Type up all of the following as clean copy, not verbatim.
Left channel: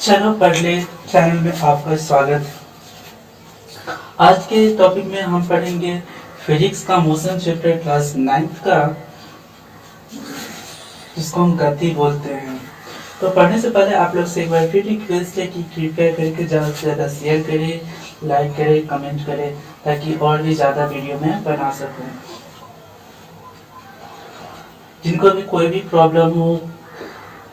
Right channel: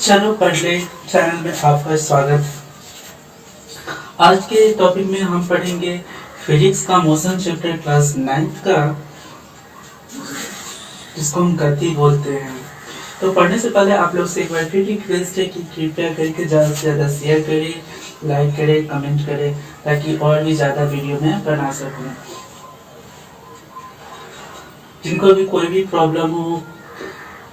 चलो पढ़ ले चैनल में आपका स्वागत। आज के टॉपिक में हम पढ़ेंगे फिजिक्स का मोशन चैप्टर क्लास 9 का, जिसको हम गति बोलते हैं। तो पढ़ने से पहले आप लोग से एक बार फिर रिक्वेस्ट है कि कृपया करके ज़्यादा से ज़्यादा शेयर करें, लाइक करें, कमेंट करें, ताकि और भी ज़्यादा वीडियो में बना सकूं। जिनको भी कोई भी प्रॉब्लम हो,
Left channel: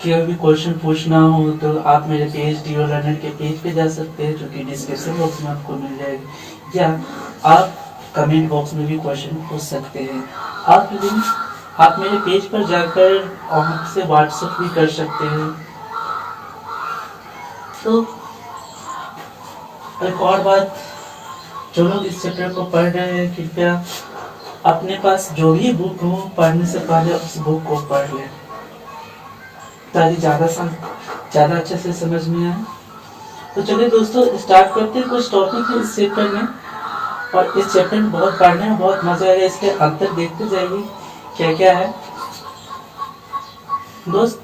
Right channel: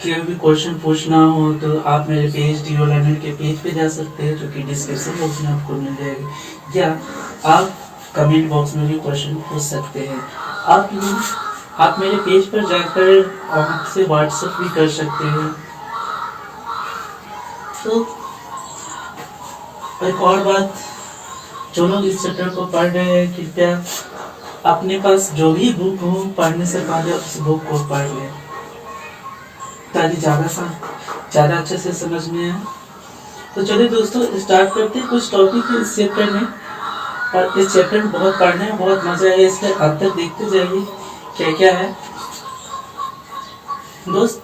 कोई भी क्वेश्चन पूछना हो, तो आप मेरे पेज डी लर्नर के पेज पे जा सकते हैं, जो कि डिस्क्रिप्शन बॉक्स में आपको मिल जाएगा, या आप कमेंट बॉक्स में भी क्वेश्चन पूछ सकते हैं। आप मेरे पेज पर जाकर आपसे व्हाट्सएप भी कर सकते हैं। तो एक और बात, जो लोग इस चैप्टर को पढ़ रहे हैं, कृपया अपने पास जो भी बुक हो, पढ़ने से पहले उस बुक को पढ़ लें, ताकि ज़्यादा अच्छे से समझ में आए। तो चलिए दोस्तों, स्टार्ट करते हैं। कुछ टॉपिक है इस चैप्टर में, और इस चैप्टर में बहुत पढ़ने में बहुत मज़ा है, इसलिए अंत तक देखते जाइए क्या क्या है। दोस्त,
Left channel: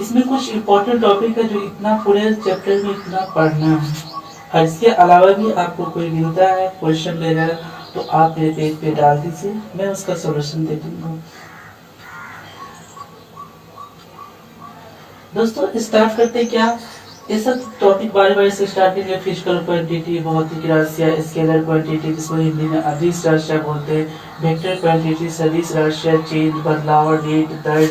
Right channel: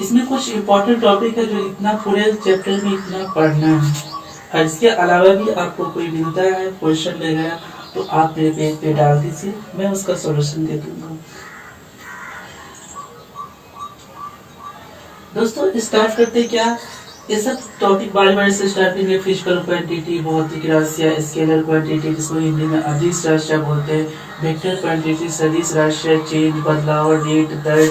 इसमें कुछ इम्पोर्टेंट टॉपिक है जो इतना पूरे चैप्टर में इतना पढ़ना है, और इसके अलावा भी आपको कोई मिलता है क्वेश्चन वगैरह, तो आप मेरे पेज पे डाल दीजिए, मैं उसका सॉल्यूशन दे दूँगा। दोस्तों स्टार्ट करते क्या, ये सब टॉपिक बारे बारे से स्टार्ट करेंगे। फिजिकल क्वांटिटी, भौतिक राशियाँ, स्केलर क्वांटिटी जिसको हिंदी में अदिश राशियाँ बोलते हैं, वेक्टर क्वांटिटी, सदिश राशियाँ, चेंज, बदलाव, रेट, दर,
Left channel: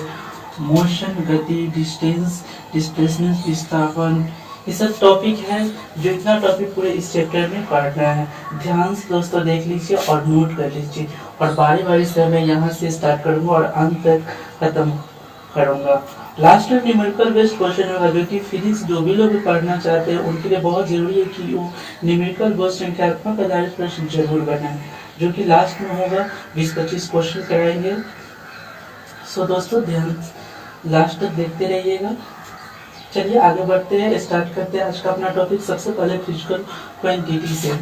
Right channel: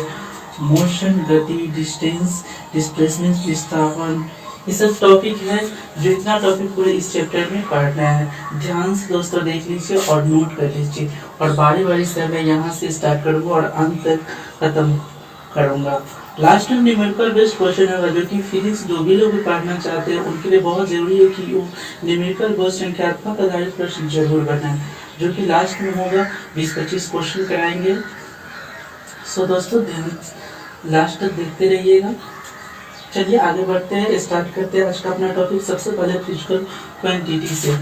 मोशन, गति, डिस्टेंस, डिस्प्लेसमेंट, विस्थापन, ये सब टॉपिक है जो इतना टॉपिक पूरे इस चैप्टर में पढ़ना है। ध्यान से दोस्तों देख लीजिए और नोट कर लीजिए, और बारी बारी से मैं यहाँ से स्टार्ट करूँगा और अंत तक खत्म करूँगा। लास्ट में न्यूमेरिकल बेस्ड क्वेश्चन होगा, जो कि फिजिक्स जो भी लोग पढ़ना चाहते हैं उनके लिए बहुत जरूरी है कि वो न्यूमेरिकल बेस्ड संख्यात्मक आधारित प्रश्न जरूर बनाएं, जो कि लास्ट में होगा। 20-25 क्वेश्चन कराएंगे। सो दोस्तों ध्यान लास्ट तक देखते रहिएगा। चलिए आगे बढ़ते हैं, स्टार्ट करते हैं आज का अपना टॉपिक। सबसे पहले फिजिकल क्वांटिटी से।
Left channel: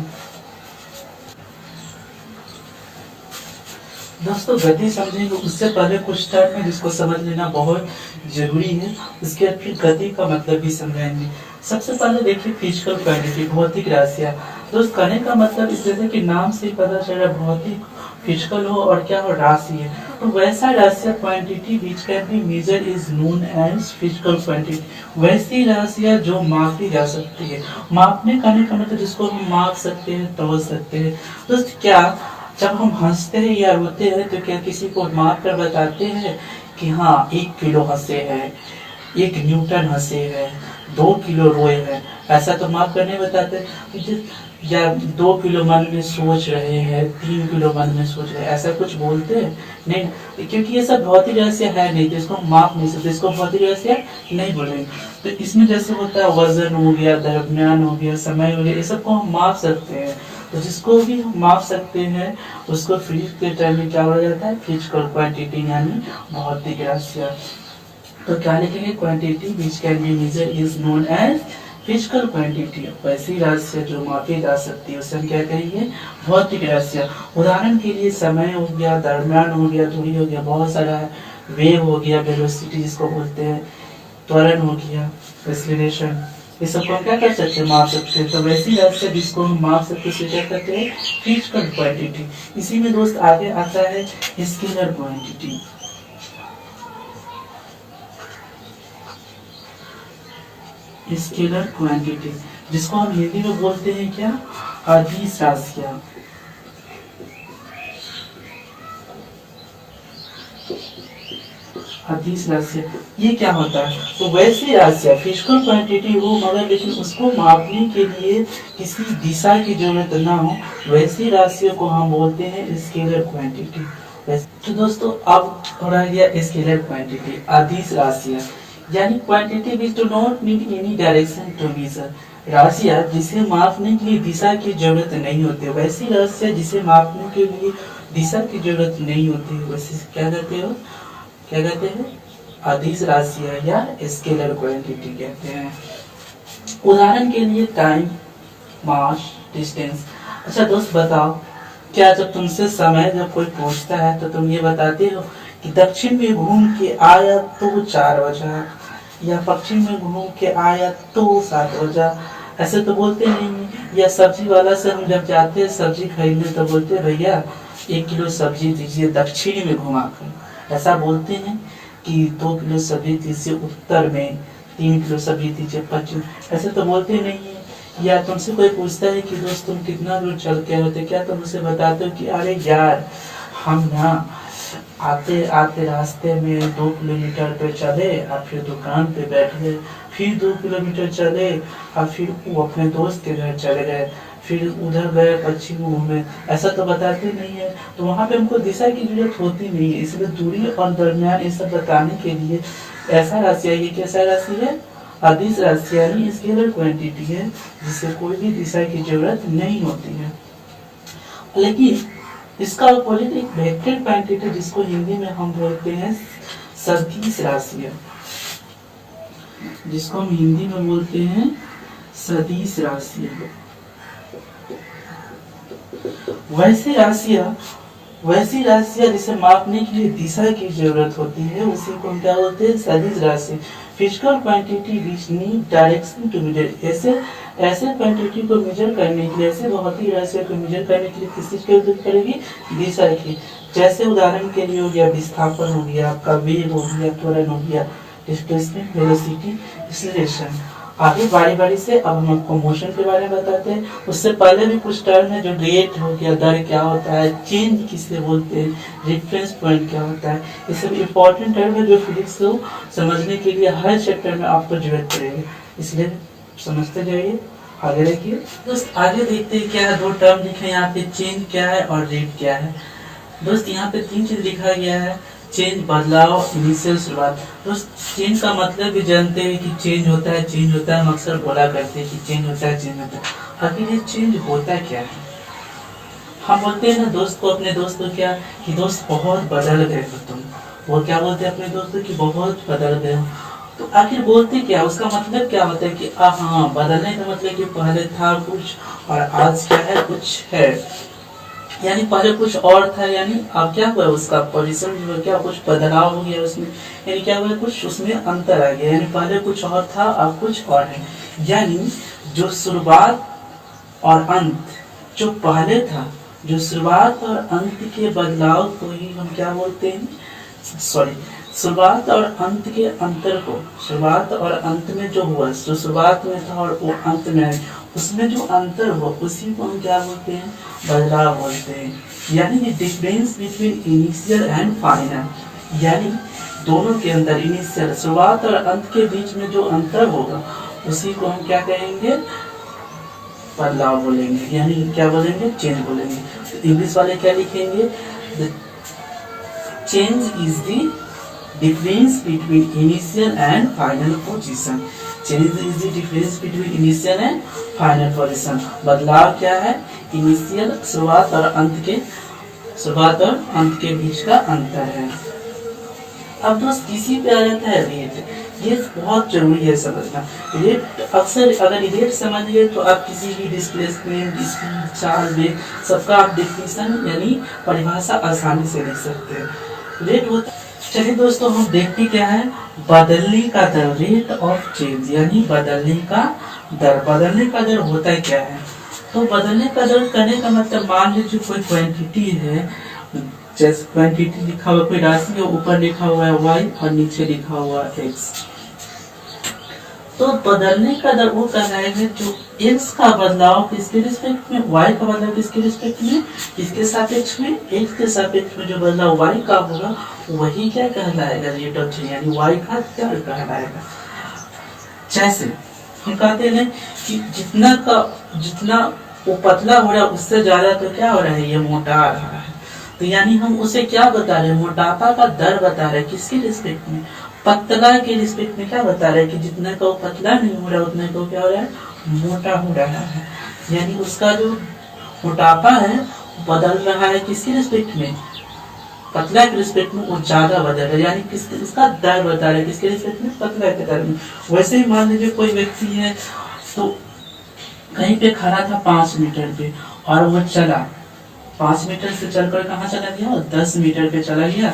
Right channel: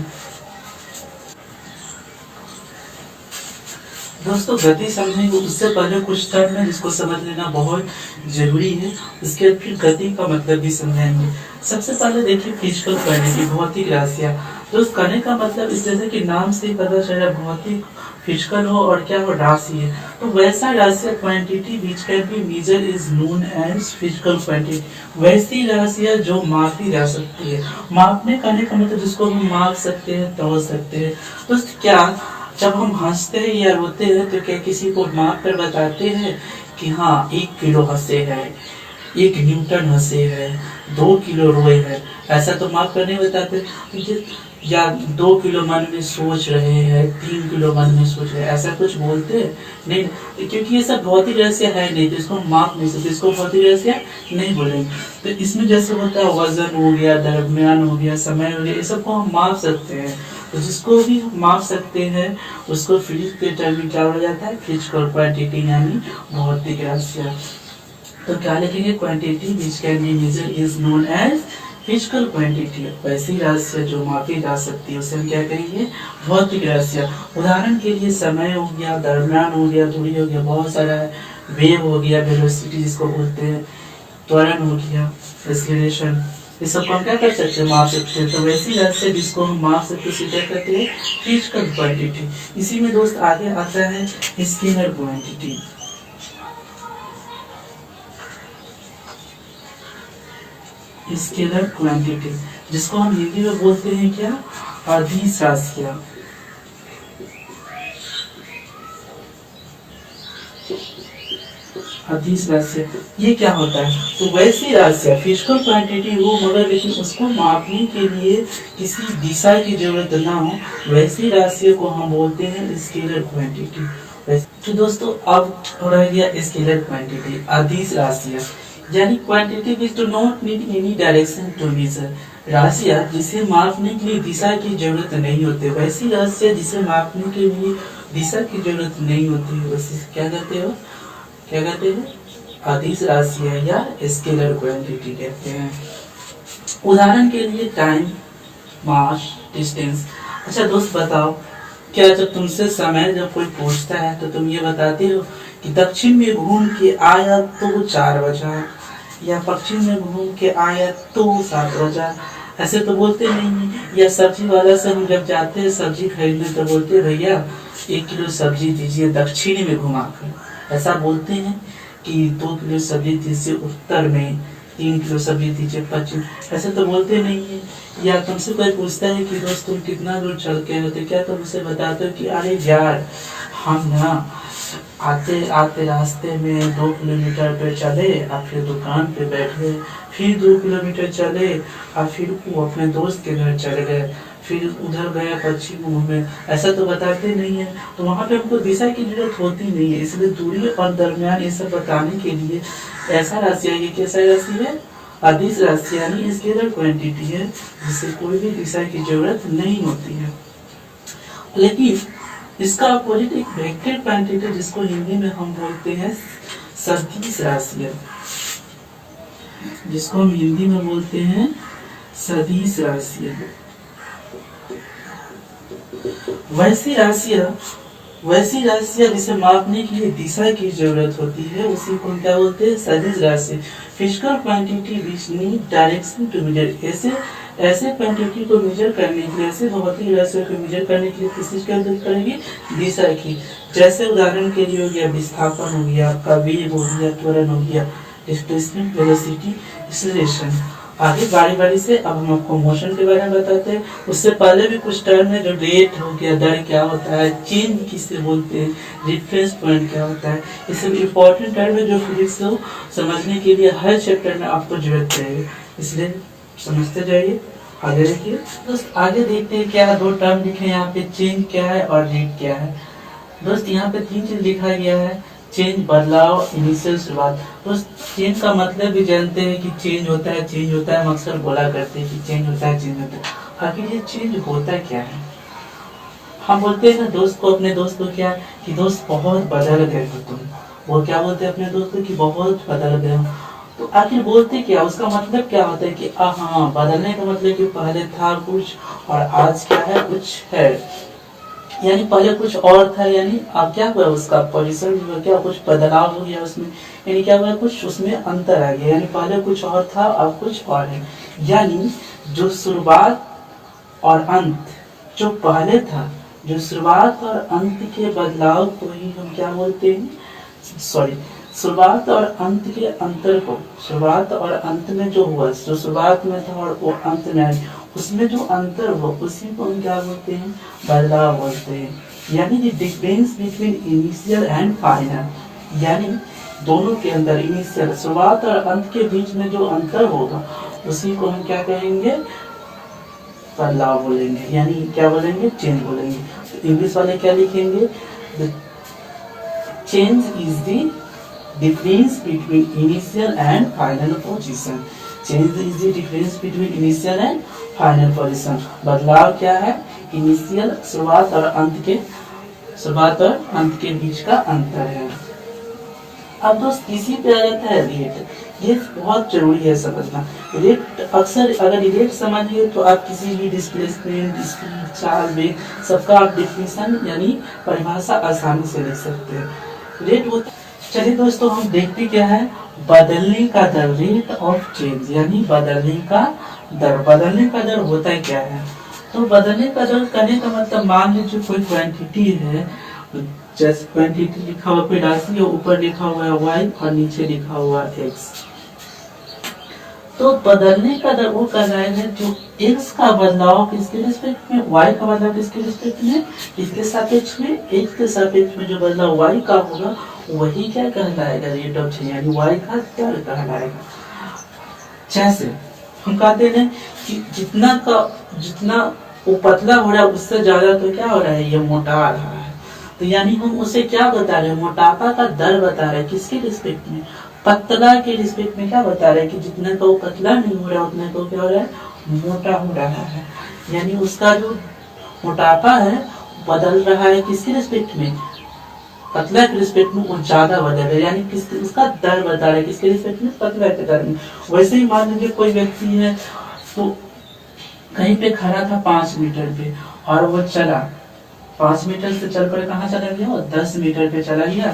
दोस्तों गति समझेंगे उससे पहले कुछ टर्म है जिसको समझ लेना बहुत जरूरी है, उसके बाद फिर गति का मतलब भी समझेंगे। सबसे पहले देखिए फिजिकल क्वांटिटी, भौतिक राशियाँ। दोस्त कहने का मतलब इस जैसे कि नाम से ही पता चला, भौतिक फिजिकल हो और क्या हो, राशि है। तो वैसा राशियाँ quantity which can be measure is known as physical quantity, वैसी राशियाँ जो मापी जा सकती है। मापने कहने का मतलब जिसको हम माप सकते हैं, तोल सकते हैं। दोस्त क्या, जब हम हंसते हैं या रोते हैं तो क्या किसी को माप कर बताते हैं कि हाँ 1 किलो हंसे हैं, 1 न्यूटन हंसे हैं, 2 किलो रोए हैं, ऐसा तो माप कर नहीं बताते। या 2 किलो मन में सोच रहे हैं, 3 किलो मन में सोच रहे हैं, ऐसा कुछ बोलते हैं नहीं, क्योंकि ये सब भौतिक रहस्य है नहीं, तो इसको हम माप नहीं सकते, इसको भौतिक रहस्य नहीं बोलेंगे। तो इसमें जैसे होता है वजन हो गया, द्रव्यमान हो गया, समय हो गया, ये सबको हम माप सकते हैं। तो जिसको भी हम माप सकते हैं उसको फिजिक्स के टर्म में क्या हो जाता है, फिजिकल क्वांटिटी यानी भौतिक राशियाँ। तो क्या लिखेंगे, quantity which can be measure is known as physical quantity, वैसी राशियाँ जो मापी जा सकती है उसे हम क्या कहेंगे, भौतिक राशियाँ। उदाहरण के लिए समय हो गया, द्रव्यमान हो गया, दूरी हो गया, बहुत सारा है, वेव हो गया, वेलोसिटी जिसको बोलते हैं, त्वरण हो गया, एक्सीलरेशन, इस सबको हम क्या कर सकते हैं, माप सकते हैं। तो वैसी राशियाँ जिसको हम माप सकते हैं उसे क्या कहते हैं, फिजिकल क्वांटिटी। इसी में दोस्त आगे आता है स्केलर क्वांटिटी। स्केलर क्वांटिटी जिसको हम हिंदी में बोलते हैं क्या, अदिश राशियाँ। अदिश राशियाँ ये क्या होता है, तो वैसी राशियाँ फिजिकल क्वांटिटी हो मगर लेकिन उसको मापने के लिए किसी दिशा की जरूरत ना हो, वैसी राशियों को हम बोलते हैं स्केलर क्वांटिटी। तो दोस्तों अब रह गया स्केलर क्वांटिटी, अदिश राशियाँ, यानी quantity which do not need any direction to measure, राशियाँ जिसे मापने के लिए दिशा की जरूरत नहीं होती, वैसी राशियाँ जिसे मापने के लिए दिशा की जरूरत नहीं होती, वैसे क्या कहते हो, क्या कहते हैं, अदिश राशियाँ या स्केलर क्वांटिटी कहते हैं। उदाहरण के लिए टाइम, मास, डिस्टेंस। अच्छा दोस्त बताओ, क्या जब तुमसे समय जब कोई पूछता है तो तुम ये बताते हो कि दक्षिण में घूम के आया तो 4 बजा, या पश्चिम में घूम के आया तो 7 बजा। ऐसे तो बोलते नहीं है। या सब्जी वाला से हम जब जाते हैं सब्जी खरीदने तो बोलते हैं भैया 1 किलो सब्जी दीजिए दक्षिणी में घुमाकर। ऐसा बोलते हैं कि 2 किलो सब्जी दीजिए उत्तर में, 3 किलो सब्जी दीजिए पश्चिम। ऐसे तो बोलते नहीं है। या तुमसे कोई पूछता है कि दोस्त तुम कितना दूर चल के आए थे, क्या तुम उसे बताते हो कि अरे यार हम ना आते आते रास्ते में 2 किलोमीटर पे चले और फिर दुकान पे बैठे, फिर 2 किलोमीटर चले और फिर वो अपने दोस्त के घर चले गए, फिर उधर गए पश्चिम घूमे। ऐसा तो बताते नहीं है। तो वहाँ पे हमको दिशा की जरूरत होती नहीं है। इसलिए दूरी और दरमियान ये सब बताने के लिए ऐसा राशि है, ये कैसा राशि है, अदिश राशि यानी स्केलर क्वांटिटी है जिससे कोई भी दिशा की जरूरत नहीं होती है। लेकिन इसका अपोजिट एक वेक्टर क्वांटिटी जिसको हिंदी में हम बोलते हैं सदिश राशियां, जिसको हम हिंदी में बोलते हैं सदिश राशियां। वैसी राशियां जिसे मापने के लिए दिशा की जरूरत होती है उसी को हम क्या बोलते हैं सदिश राशि। Physical quantity which need direction to measure, ऐसे क्वांटिटी को मेजर करने के लिए, ऐसे भौतिक राशियों को मेजर करने के लिए किस चीज की जरूरत पड़ेगी, दिशा की। जैसे उदाहरण के लिए हो गया विस्थापन हो गया, आपका वेग हो गया, त्वरण हो गया, डिस्प्लेसमेंट, वेलोसिटी, एक्सीलरेशन। आगे बारी बारी से अब हम आपको मोशन के बारे में बताते हैं। उससे पहले भी कुछ टर्म है, जो रेट हो गया, दर क्या होता है, चेंज किसे बोलते हैं, रेफरेंस पॉइंट क्या होता है, ये सब इम्पोर्टेंट टर्म है जो फिजिक्स को समझने के लिए हर चैप्टर में आपको जरूरत पड़ेगी। इसलिए समझते जाइए। आगे देखिए दोस्त, आगे देखते हैं क्या है। 2 टर्म लिखे यहाँ पे, चेंज क्या है और रेट क्या है। दोस्त यहाँ पे 3 चीज लिखा गया है, चेंज बदलाव, इनिशियल शुरुआत। दोस्त चेंज का मतलब भी जानते हैं कि चेंज होता है, चेंज होता है, हम अक्सर बोला करते हैं कि चेंज होता है, चेंज होता है। आखिर ये चेंज होता क्या है। हम बोलते हैं ना दोस्त को, अपने दोस्त को क्या कि दोस्त बहुत बदल गए हो तुम, वो क्या बोलते हैं अपने दोस्त को कि बहुत बदल गए हो। तो आखिर बोलते क्या, उसका मतलब क्या होता है कि हाँ, बदलने का मतलब कि पहले था कुछ और आज क्या है, कुछ है। यानी पहले कुछ और था, यानी अब क्या हुआ, उसका पोजीशन जो क्या कुछ बदलाव हो गया उसमें, यानी क्या हुआ, कुछ उसमें अंतर आ गया। यानी पहले कुछ और था अब कुछ और है। यानी जो शुरुआत और अंत, जो पहले था, जो शुरुआत और अंत के बदलाव को ही हम क्या बोलते हैं, शुरुआत और अंत के अंतर को, शुरुआत और अंत में जो हुआ, जो शुरुआत में था और वो अंत में, उसमें जो अंतर हुआ उसी को हम क्या बोलते हैं, बदलाव बोलते हैं। यानी कि difference between initial and final, यानी दोनों के अंदर, इनिशियल शुरुआत और अंत के बीच में जो अंतर होगा उसी को हम क्या कहेंगे, बदलाव बोलेंगे। यानी क्या बोलेंगे, चेंज बोलेंगे। तो इंग्लिश वाले क्या लिखेंगे, change is the difference between initial and final position. Change is the difference between initial and final position. बदलाव क्या है, इनिशियल शुरुआत और अंत के बीच का अंतर है। अब दोस्त इसी पे आ जाता है रेट। ये बहुत जरूरी है समझना। रेट अक्सर अगर रेट समझ गए तो आप किसी भी डिस्प्लेसमेंट, स्पीड, चाल, वेग सबका आप डेफिनेशन यानी परिभाषा आसानी से लिख सकते हैं। रेट होता, चलिए दोस्तों हम देखते क्या है, बदलने का दर, रेट ऑफ चेंज, यानी बदलने का दर। बदलने का दर होता क्या है, तो बदलने का दर करने का मतलब, मान लीजिए कोई क्वांटिटी है, जैसे क्वांटिटी लिखा हुआ कोई राशि है, ऊपर लिखा हुआ है y और नीचे लिखा हुआ है x। तो बदलने का दर वो कहलाएगा जो x का बदलाव किसके रिस्पेक्ट में, y का बदलाव किसके रिस्पेक्ट में, इसके सापेक्ष में, x के सापेक्ष में जो बदलाव y का होगा वही क्या कहलाएगा, रेट ऑफ चेंज, यानी y का दर कहलाएगा। जैसे हम कहते हैं कि जितना वो पतला हो रहा है उससे ज्यादा तो क्या हो रहा है, ये मोटा आ रहा है। तो यानी हम उसे क्या बता रहे हैं, मोटापा का दर बता रहे हैं, किसके रिस्पेक्ट में, पतला के रिस्पेक्ट में। क्या बता रहे हैं कि जितना का वो पतला नहीं हो रहा उतना को क्या हो रहा है, मोटा हो रहा है। यानी उसका जो मोटापा है बदल रहा है किसके रिस्पेक्ट में, पतला के रिस्पेक्ट में वो ज्यादा बदल रहा है। यानी किसके, उसका दर बता रहे हैं किसके रिस्पेक्ट में, पतला के दर में। वैसे ही मान लीजिए कोई व्यक्ति है तो कहीं पे खड़ा था 5 मीटर पे और वो चला 5 मीटर से चलकर कहाँ चला गया, 10 मीटर पे चला गया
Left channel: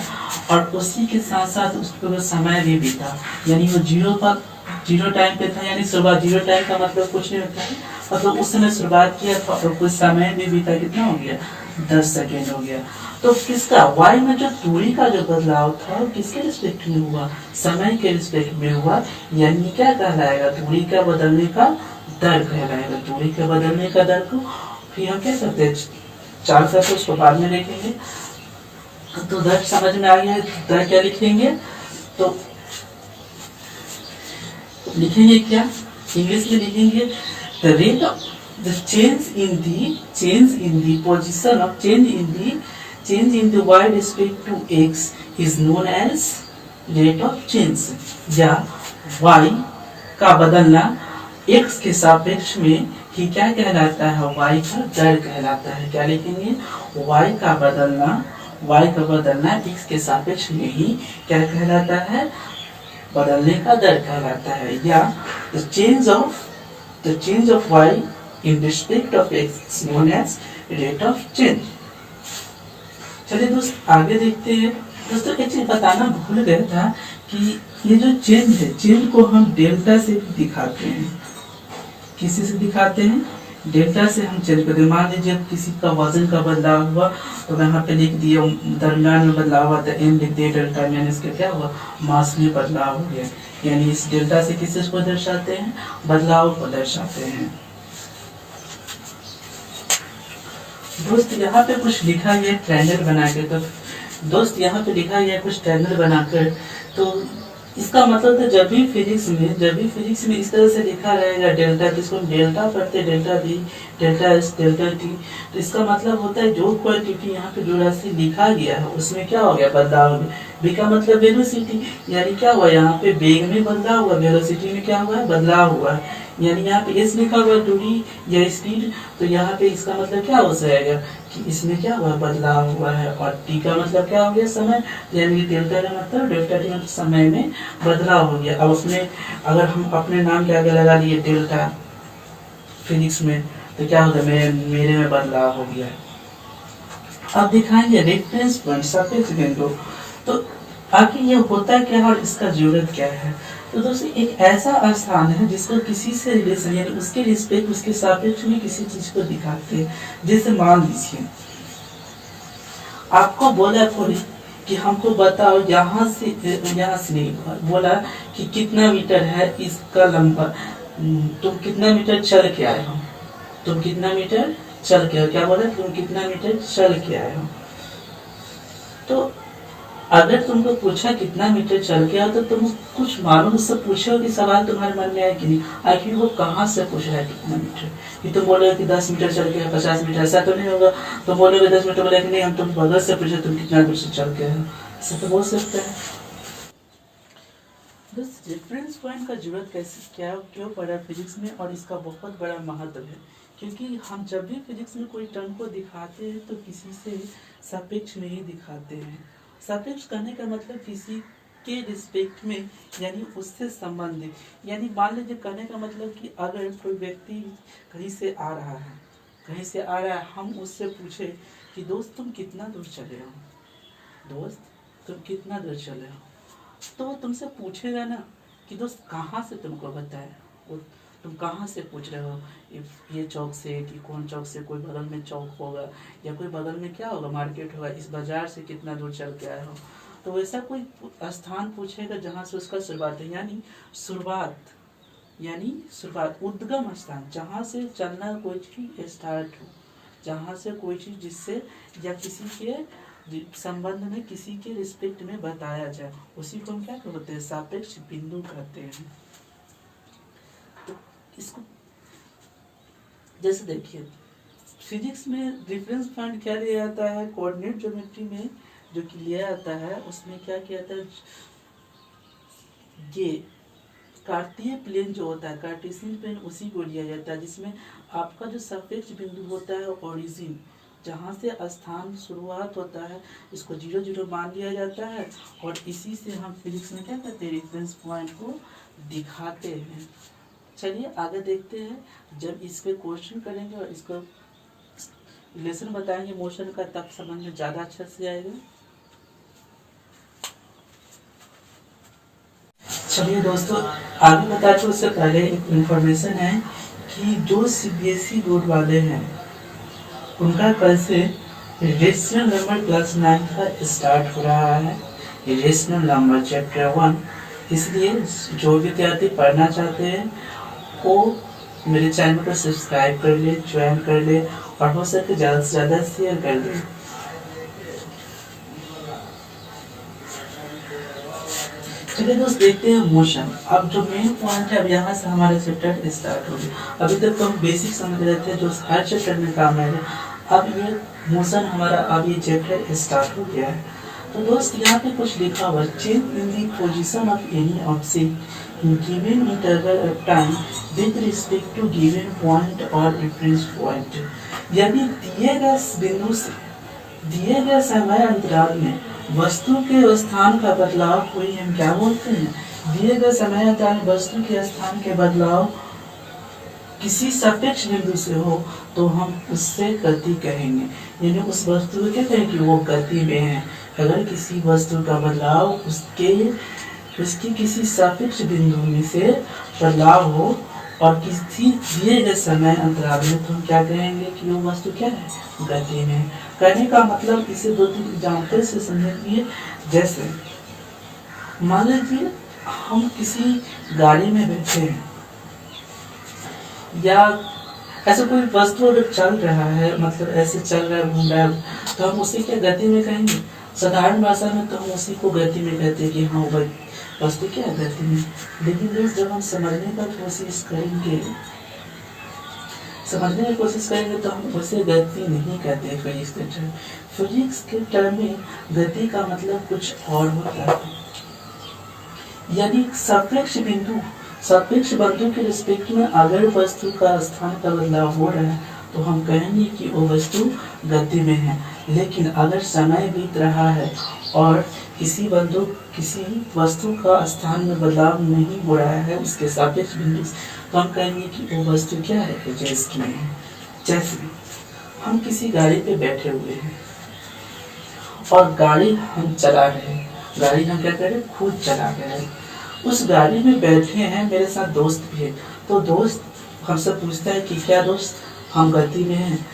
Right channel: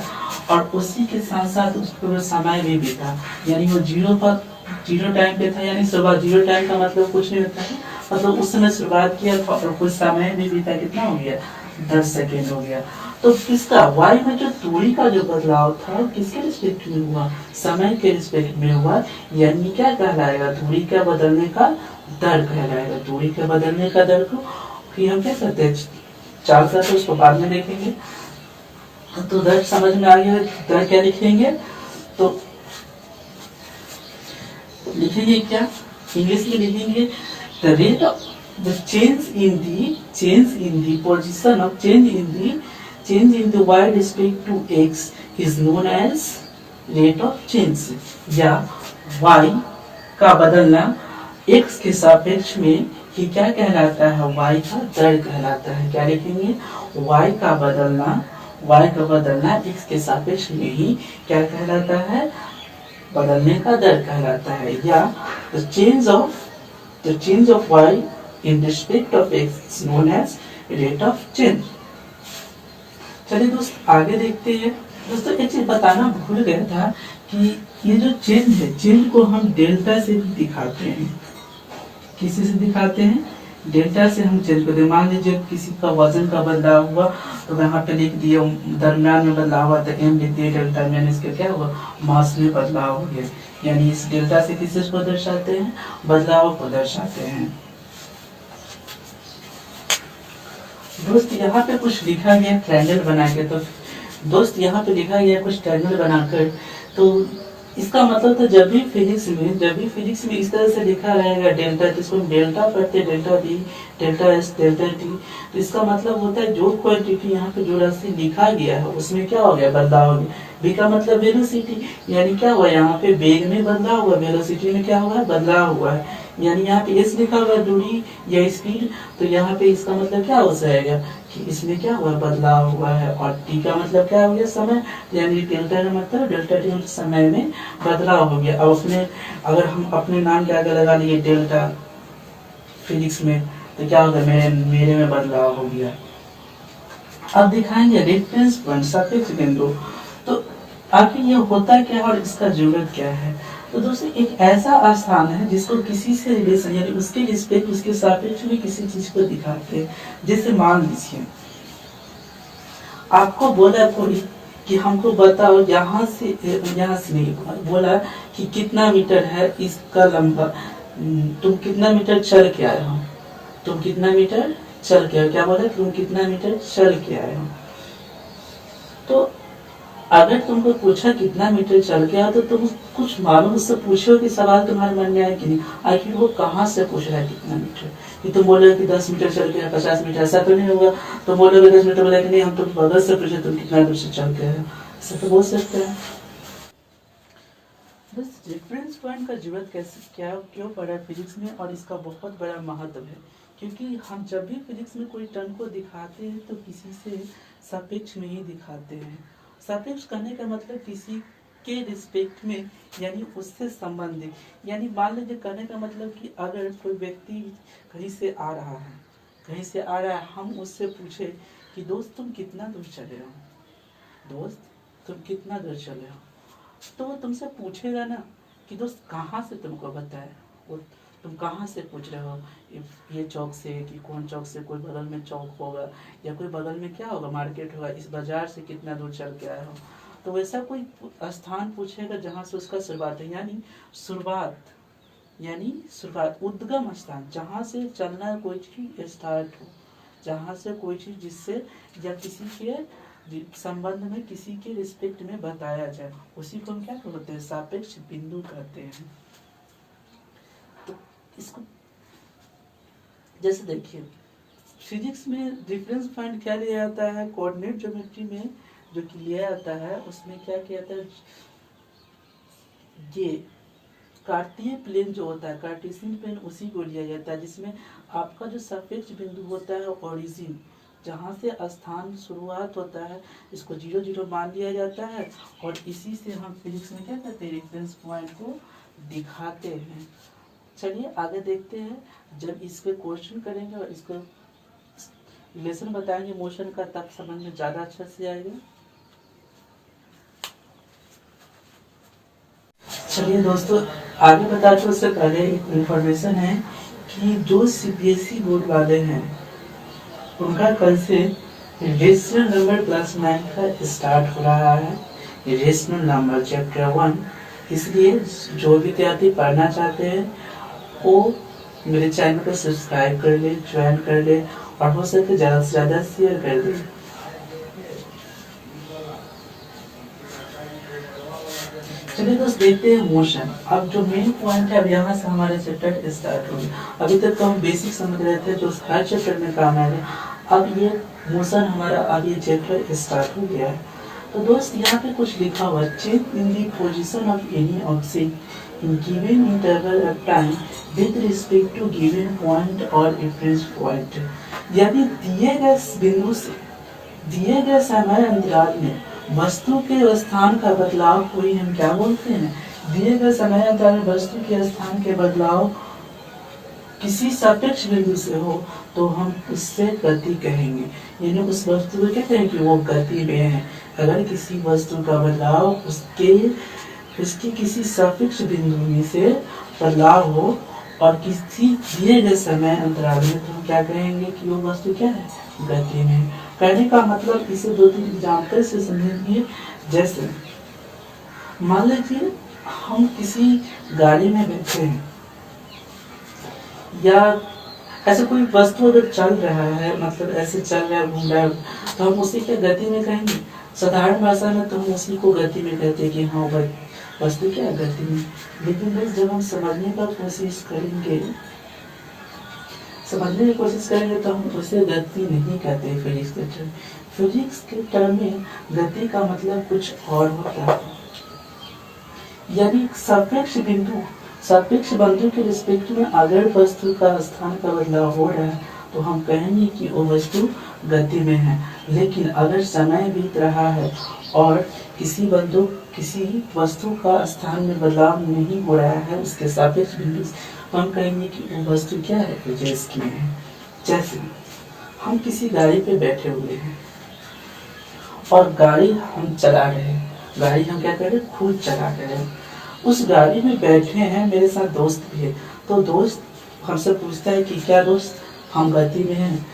और उसी के साथ साथ उसको वो समय भी बीता, यानी वो जीरो टाइम पे था, यानी शुरुआत जीरो टाइम का मतलब कुछ नहीं होता है, मतलब उस समय शुरुआत किया था और कुछ समय भी बीता, कितना हो गया 10 सेकेंड हो गया। तो किसका वाई में जो दूरी का जो बदलाव था वो किसके रिस्पेक्ट में हुआ, समय के रिस्पेक्ट में हुआ, यानी क्या कहलाएगा, दूरी का बदलने का दर कहलाएगा। दूरी के बदलने का दर को फिर हम क्या करते हैं, चाल करते उसको बाद में देखेंगे। तो दर समझ में आ गया है, दर क्या लिखेंगे, तो लिखेंगे क्या, इंग्लिश में लिखेंगे the rate of the change in the position of change in the y respect to x is known as rate of change, या वाई का बदलना एक्स के सापेक्ष में ही क्या कहलाता है, वाई का दर कहलाता है। क्या लिखेंगे, वाई का बदलना एक्स के सापेक्ष में ही क्या कहलाता है, बदलने का दर कहलाता है, या the change of y in respect of x is known as rate of change. चलिए दोस्त आगे देखते हैं। दोस्तों एक चीज बताना भूल गया था कि ये जो चेंज है, चेंज को हम डेल्टा से भी दिखाते हैं। किसी से दिखाते हैं, डेल्टा से हम चेंज करते हैं। मान लीजिए किसी का वजन का बदलाव हुआ तो यहाँ पे लिख दिया, दरमियान में बदलाव हुआ तो एम लिख दिए डेल्टा, यानी इसका क्या हुआ, मास में बदलाव हो गया। यानी इस डेल्टा से किस को दर्शाते हैं, बदलाव को दर्शाते हैं। दोस्त यहाँ पे कुछ लिखा गया ट्रायंगल बना के, तो दोस्त यहाँ पे लिखा गया कुछ ट्रायंगल बनाकर, तो इसका मतलब तो जब भी फिजिक्स में इस तरह से लिखा रहेगा डेल्टा, जिसको हम डेल्टा पढ़ते, delta B, delta S, delta T, तो इसका मतलब होता है जो क्वांटिटी यहाँ पे जो राशि लिखा गया है उसमें क्या हो गया, बदलाव हो गया। बी का मतलब वेलोसिटी, यानी क्या हुआ, यहाँ पे वेग में बदलाव हुआ, वेलोसिटी में क्या हुआ है, बदलाव हुआ है। यानी यहाँ पे एस लिखा हुआ दूरी या स्पीड, तो यहाँ पे इसका मतलब क्या हो जाएगा कि इसमें क्या हुआ, बदलाव हुआ है। और टी का मतलब क्या हो गया, समय, यानी डेल्टा का मतलब डेल्टा टी मतलब समय में बदलाव हो गया। अब उसमें अगर हम अपने नाम के आगे लगा लिए डेल्टा फिजिक्स में, तो क्या होगा, मेरे में बदलाव हो गया। अब दिखाएंगे रेफरेंस पॉइंट, सापेक्ष बिंदु, तो आखिर ये होता क्या है और इसका जरूरत क्या है। तो दोस्तों एक ऐसा स्थान है जिसको किसी से रिलेशन, यानी उसके रिस्पेक्ट, उसके सापेक्ष में किसी चीज को दिखाते हैं। जैसे मान लीजिए आपको बोला थोड़ी कि हमको बताओ यहाँ से नहीं बोला कि कितना मीटर है इसका लंबा, तुम कितना मीटर चल के आए हो, तुम कितना मीटर चल के आए, क्या बोला, तुम कितना मीटर चल के आए हो। तो अगर तुमको पूछा कितना मीटर चल के आया, तो तुम कुछ मालूम उससे पूछो कि सवाल तुम्हारे मन में आया कि नहीं, आखिर वो कहाँ से पूछ रहा है कितना मीटर। कि तुम बोलोगे कि 10 मीटर चल के, 50 मीटर, ऐसा तो नहीं होगा। तुम बोलोगे 10 मीटर, बोला कि नहीं हम तुम बगल से पूछे तुम कितना दूर से चल के आए, ऐसा तो बोल सकते हैं। बस रेफरेंस पॉइंट का जरूरत कैसे क्या क्यों पड़ा फिजिक्स में, और इसका बहुत बड़ा महत्व है। क्योंकि हम जब भी फिजिक्स में कोई टर्म को दिखाते हैं तो किसी से सापेक्ष में ही दिखाते हैं। सापेक्ष करने का मतलब किसी के रिस्पेक्ट में, यानी उससे संबंधित। यानी मान लीजिए कहने का मतलब कि अगर कोई व्यक्ति कहीं से आ रहा है, हम उससे पूछे कि दोस्त तुम कितना दूर चले हो, दोस्त तुम कितना दूर चले हो, तो वो तुमसे पूछेगा ना कि दोस्त कहाँ से तुमको बताए, वो तुम कहाँ से पूछ रहे हो, ये चौक से कि कौन चौक से, कोई बगल में चौक होगा या कोई बगल में क्या होगा, मार्केट होगा, इस बाजार से कितना दूर चल के आए हो। तो वैसा कोई स्थान पूछेगा जहाँ से उसका शुरुआत है, यानी शुरुआत उद्गम स्थान, जहाँ से चलना कोई चीज स्टार्ट हो, जहाँ से कोई चीज जिससे या किसी के संबंध में, किसी के रिस्पेक्ट में बताया जाए, उसी को हम क्या कहते हैं, सापेक्ष बिंदु कहते हैं। तो इसको जैसे देखिए फिजिक्स में रेफरेंस पॉइंट क्या लिया जाता है, कोऑर्डिनेट ज्योमेट्री में जो कि लिया जाता है उसमें क्या किया जाता है, ये कार्तीय प्लेन जो होता है, कार्टेशियन प्लेन, उसी को लिया जाता है, जिसमें आपका जो सापेक्ष बिंदु होता है ओरिजिन, जहाँ से स्थान शुरुआत होता है, इसको 0 0 मान लिया जाता है, और इसी से हम फिजिक्स में क्या कहते हैं, रेफरेंस पॉइंट को दिखाते हैं। चलिए आगे देखते हैं, जब इस पे क्वेश्चन करेंगे और इसको रिलेशन बताएंगे मोशन का, तब समझ में ज़्यादा अच्छा से आएगा। चलिए दोस्तों, आगे बताते उससे पहले एक इन्फॉर्मेशन है कि जो सीबीएसई बोर्ड वाले हैं उनका कल से रेशनल नंबर +9 का स्टार्ट हो रहा है। रेशनल नंबर चैप्टर 1, इसलिए जो विद्यार्थी पढ़ना चाहते हैं वो मेरे चैनल को सब्सक्राइब कर ले, ज्वाइन कर ले और हो सके ज़्यादा से ज़्यादा शेयर कर दे। चलिए दोस्त, देखते हैं मोशन। अब जो मेन पॉइंट है, अब यहाँ से हमारा चैप्टर स्टार्ट हो गया। अभी तक तो हम बेसिक समझ रहे थे जो हर चैप्टर में काम आएगा। अब ये मोशन हमारा, अब ये चैप्टर स्टार्ट हो गया है। तो दोस्त यहाँ पे कुछ लिखा हुआ, change in the position of any object in given interval of time with respect to given point और रेफरेंस पॉइंट। यदि दिए गए बिंदु से दिए गए समय अंतराल में वस्तु के स्थान का बदलाव को ही हम क्या बोलते हैं? दिए गए समय अंतराल में वस्तु के स्थान के बदलाव किसी सापेक्ष बिंदु से हो तो हम उससे गति कहेंगे। यानी उस वस्तु को क्या कहेंगे? वो गति में है। अगर किसी वस्तु का बदलाव उसके किसी सापेक्ष बिंदु में से बदलाव हो और किसी दिए गए समय अंतराल में, तो हम क्या कहेंगे कि वो वस्तु क्या है? गति में। कहने का मतलब इसे 2-3 एग्जाम्पल से समझेंगे। जैसे मान लीजिए हम किसी गाड़ी में बैठे हैं या ऐसा कोई वस्तु अगर चल रहा है, मतलब ऐसे चल रहा है, घूम रहा है, तो हम उसे क्या गति में कहेंगे? साधारण भाषा में तो हम उसी को गति में कहते हैं कि हाँ भाई वस्तु क्या है? गति में। लेकिन दोस्त जब हम समझने की कोशिश करेंगे तो हम उसे गति नहीं कहते फिजिक्स के टर्म। फिजिक्स के टर्म में गति का मतलब कुछ और होता है। यानी सापेक्ष बिंदु के रिस्पेक्ट में अगर वस्तु का स्थान का बदलाव हो रहा है तो हम कहेंगे कि वो वस्तु गति में है। लेकिन अगर समय बीत रहा है और किसी वस्तु का स्थान में बदलाव नहीं हो रहा है उसके सापेक्ष बिंदु से, तो हम कहेंगे कि वो वस्तु क्या है? रेस्ट में है। जैसे हम किसी गाड़ी पे बैठे हुए हैं और गाड़ी हम चला रहे हैं, गाड़ी हम क्या कर रहे हैं? खुद चला रहे हैं। उस गाड़ी में बैठे हैं, मेरे साथ दोस्त भी है, तो दोस्त हमसे पूछता है कि क्या दोस्त हम गति में हैं?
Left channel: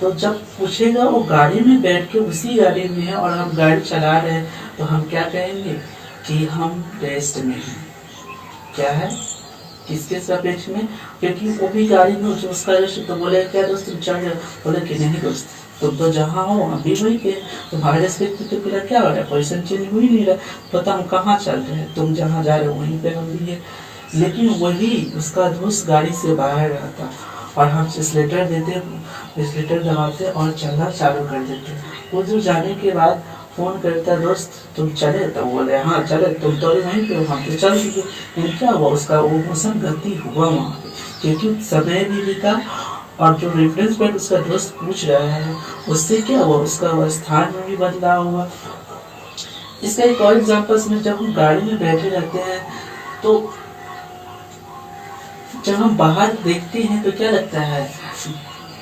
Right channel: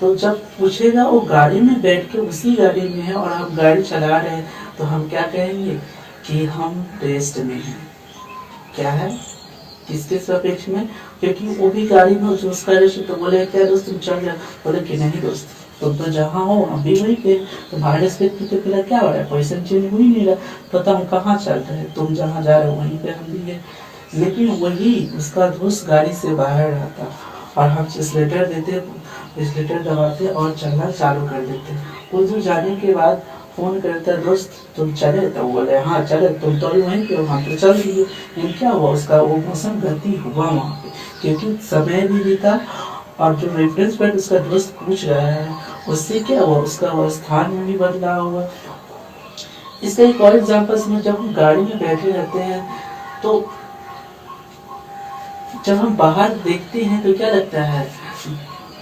तो जब पूछेगा वो गाड़ी में बैठ के उसी गाड़ी में है और हम गाड़ी चला रहे हैं, तो हम क्या कहेंगे कि हम रेस्ट में हैं। क्या है? किसके सापेक्ष में? क्योंकि वो भी गाड़ी में जो उसका रेस्ट, तो बोले क्या दोस्त तुम चल रहे? बोले कि नहीं दोस्त, तुम तो जहाँ हो हम भी वही थे, तुम्हारे रिस्पेक्ट तो फिलहाल क्या हो रहा है? पोजीशन चेंज हो ही नहीं रहा, पता हम कहाँ चल रहे हैं, तुम जहाँ जा रहे हो वहीं पे हम भी है। लेकिन वही उसका दोस्त गाड़ी से बाहर रहता और हम एक्सीलरेटर देते, एक्सीलरेटर दबाते और चलना चालू कर देते। कुछ दूर जाने के बाद फोन करता, दोस्त तुम चले? तो बोले हाँ चले, तुम तो वहीं पे हो, हम तो चल दिए। लेकिन क्या हुआ? उसका वो मोशन गति हुआ वहाँ पे, क्योंकि समय भी बीता और जो रेफरेंस पॉइंट उसका दोस्त पूछ रहा है उससे क्या हुआ? उसका स्थान में भी बदलाव हुआ। इसका एक और एग्जाम्पल में, जब हम गाड़ी में बैठे रहते हैं तो जब हम बाहर देखते हैं तो क्या लगता है?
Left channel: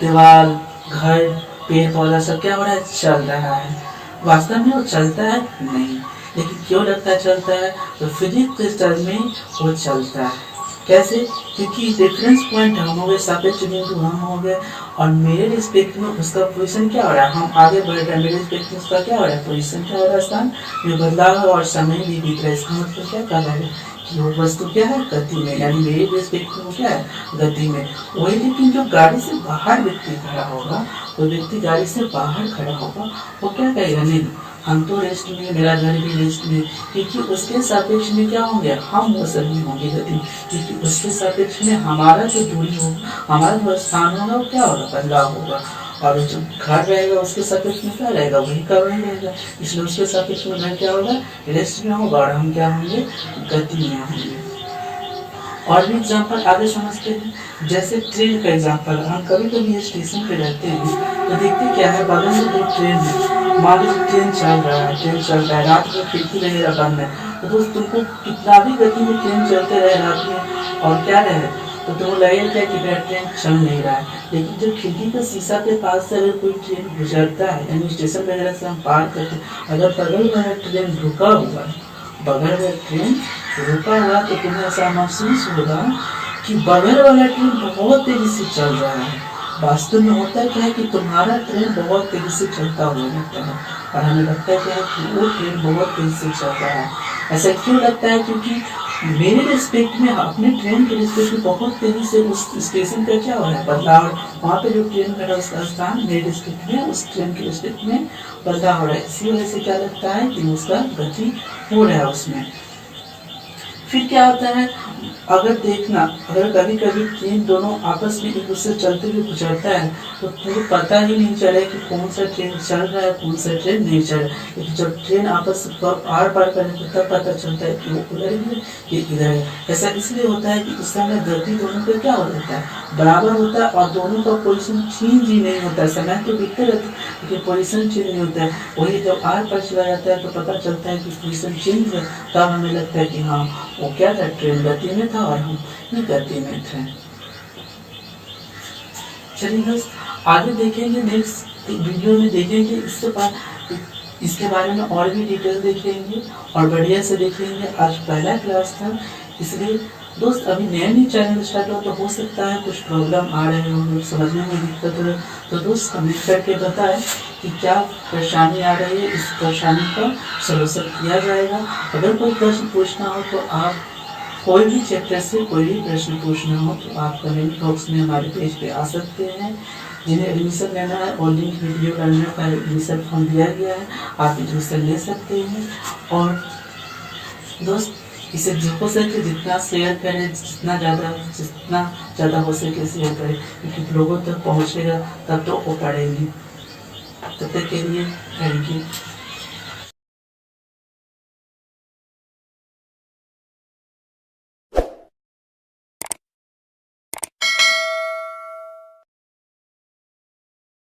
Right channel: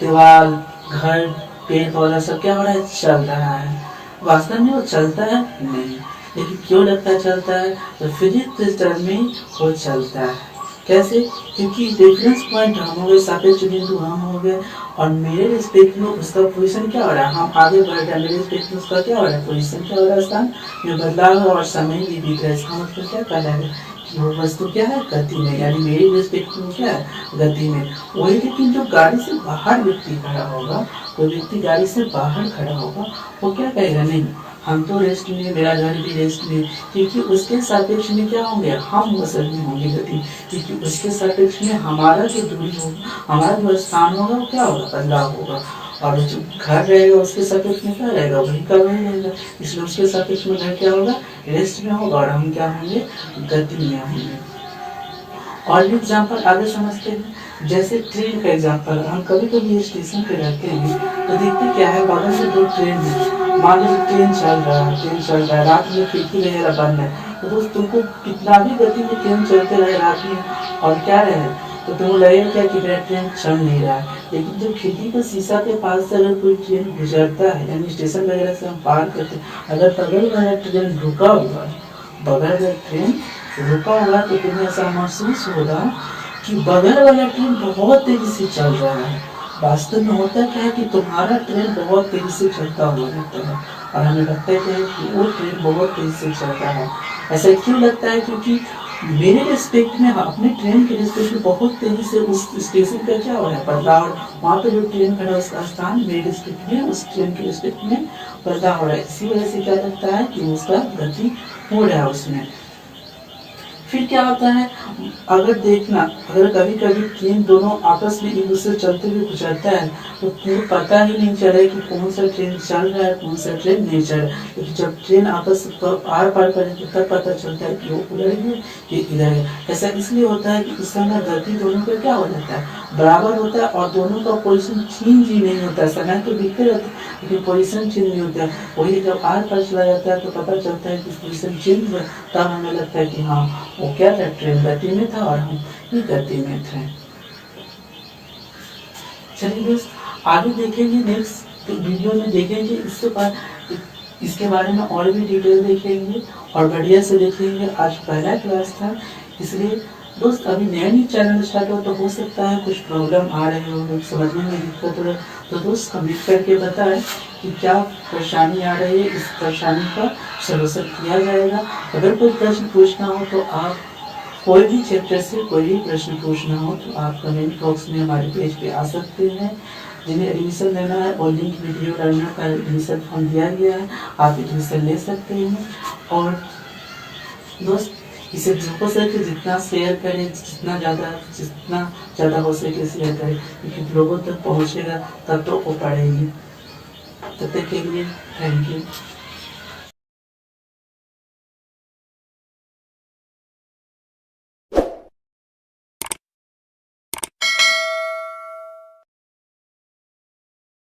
दीवार, घर, पेड़ पौधा सब क्या हो रहा है? चल रहा है। वास्तव में वो चलता है नहीं, लेकिन क्यों लगता है चलता है? तो फिजिक्स के टर्म में वो चलता है। कैसे? क्योंकि रेफरेंस पॉइंट हम हो गए, सापेक्ष बिंदु हम हो गए और मेरे रिस्पेक्ट में उसका पोजीशन क्या हो रहा है? हम आगे बढ़ रहे हैं, मेरे रिस्पेक्ट में उसका क्या हो रहा है? पोजीशन क्या हो रहा है? स्थान में बदलाव है और समय भी बीत रहा है। इसका मतलब क्या कह रहा है कि वो वस्तु क्या है? गति में। यानी मेरे रिस्पेक्ट में क्या है? गति में। वही, लेकिन जो गाड़ी से बाहर व्यक्ति खड़ा होगा, कोई व्यक्ति गाड़ी से बाहर खड़ा होगा, वो क्या कहेगा? नहीं हम तो रेस्ट में, मेरा घर भी रेस्ट में, क्योंकि उसके सापेक्ष में क्या होंगे? हम मोशन में होंगे, गति। क्योंकि उसके सापेक्ष में हमारा जो दूरी होगा, हमारा जो स्थान होगा वो क्या होगा? बदलाव होगा। और जो घर रहेगा उसके सापेक्ष में क्या रहेगा? वही का वही रहेगा। इसलिए उसके सापेक्ष में घर क्या होगा? रेस्ट में होगा और हम क्या होंगे? गति में होंगे। और भी एग्जाम्पल आगे समझते हैं। जैसे ट्रेन का एग्जाम्पल, हम कभी कभी स्टेशन पे रहते हैं तो देखते क्या है, बगल में 2 ट्रेन है। मान लो ट्रेन चल रहा है, रात में खिड़की वगैरह बंद है, तो दोस्त तुमको कितना भी गति में ट्रेन चलते रहे रात में और क्या रहे, तो तुमको लगेगा क्या कि मेरा ट्रेन चल नहीं रहा है। लेकिन जब खिड़की का शीशा के पास से अगर कोई ट्रेन गुजरता है, यानी स्टेशन वगैरह से हम पार करते हैं, अगर बगल में ट्रेन रुका हुआ है, बगल में ट्रेन रुका हुआ तो तुम्हें ऐसा महसूस होगा कि बगल वाला ट्रेन बहुत तेजी से चल रहा है। वास्तव में होता क्या है कि तुम्हारा ट्रेन बहुत तेजी से चलता हुआ लगता है और हमें लगता है क्या है कि वो ट्रेन बहुत तेजी से चल रहा है। ऐसा क्यों लगता है? क्योंकि मेरे रिस्पेक्ट में, अपने ट्रेन के रिस्पेक्ट में बहुत तेजी से उस स्टेशन का क्या हो रहा है बदलाव। वहाँ पे जो ट्रेन खड़ा है उसका स्थान मेरे रिस्पेक्ट में, उस ट्रेन के रिस्पेक्ट में बदलाव हो रहा है। इसी वजह से क्या लगता है कि उसका गति हो रहा है उसमें। फिर क्या होता है, अगर देखना, अगर कभी कभी ट्रेन दोनों आपस में एक दूसरे चलते हुए गुजरता है तो तुम्हें पता ही नहीं चले कि कौन सा ट्रेन चल रहा है, कौन सा ट्रेन नहीं चल रहा है। लेकिन जब ट्रेन आपस पर आर पार करेगी तब पता चलता है कि वो उधर है कि इधर है। ऐसा इसलिए होता है कि उस समय गति दोनों का क्या हो जाता है, बराबर होता है और दोनों का पोजिशन चेंज ही नहीं होता है। समय तो बीतते रहता है लेकिन पोजिशन चेंज नहीं होता है। वही जब आर पार चला जाता है तो पता चलता है कि पोजिशन चेंज है, तब हमें लगता है कि हाँ वो क्या था, ट्रेन गति में था और हम ही गति में थे। चलिए दोस्त, आगे देखेंगे, नेक्स्ट वीडियो में देखेंगे इसके बारे में और भी डिटेल देखेंगे और बढ़िया से देखेंगे। आज पहला क्लास था इसलिए दोस्त, अभी नया न्यू चैनल स्टार्ट हो तो हो सकता है कुछ प्रॉब्लम आ रहे हो, समझने में दिक्कत हो रहा है, तो दोस्त कमेंट करके बताएं कि क्या परेशानी आ रही है। इस परेशानी का सलूशन किया जाएगा। अगर कोई प्रश्न पूछना हो तो आप कोई भी चैप्टर से कोई भी प्रश्न पूछना हो तो आप कमेंट बॉक्स में हमारे पेज पे आ सकते हैं। जिन्हें एडमिशन लेना है और लिंक वीडियो डालने का एडमिशन फॉर्म दिया गया है, आप एडमिशन ले सकते हैं। और दोस्त, इसे जो हो सके जितना शेयर करें, जितना ज़्यादा हो सके शेयर करें, क्योंकि लोगों तक पहुँचेगा तब तो वो पढ़ेंगे। तब तक के लिए थैंक यू।